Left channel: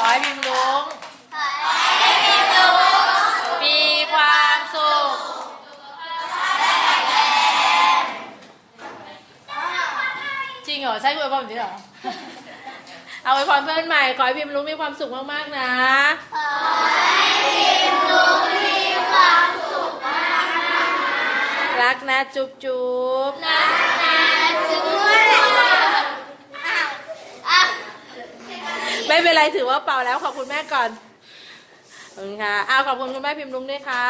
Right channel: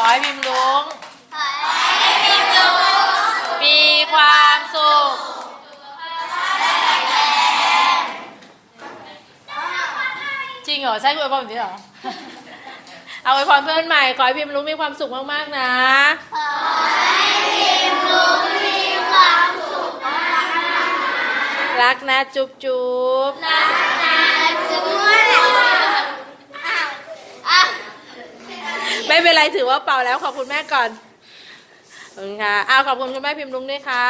อให้พิมพ์ลุงมีความสุข จริงเหรอ ใช่อวยพรแบบนี้เหรอ เอาอวยพรเพื่อนใหม่ ขอให้พิมลุงมีความสุขมากๆนะคอยพิมลุ้งปีความสุขมากๆรักนะจุ๊บจุ๊บ ไม่เป็นไรถือว่าเป่าแล้วขอบคุณแม่ก่อนขอบคุณค่ะอ้าวขอบคุณคุณแม่พิมพ์ลุงด้วยค่ะ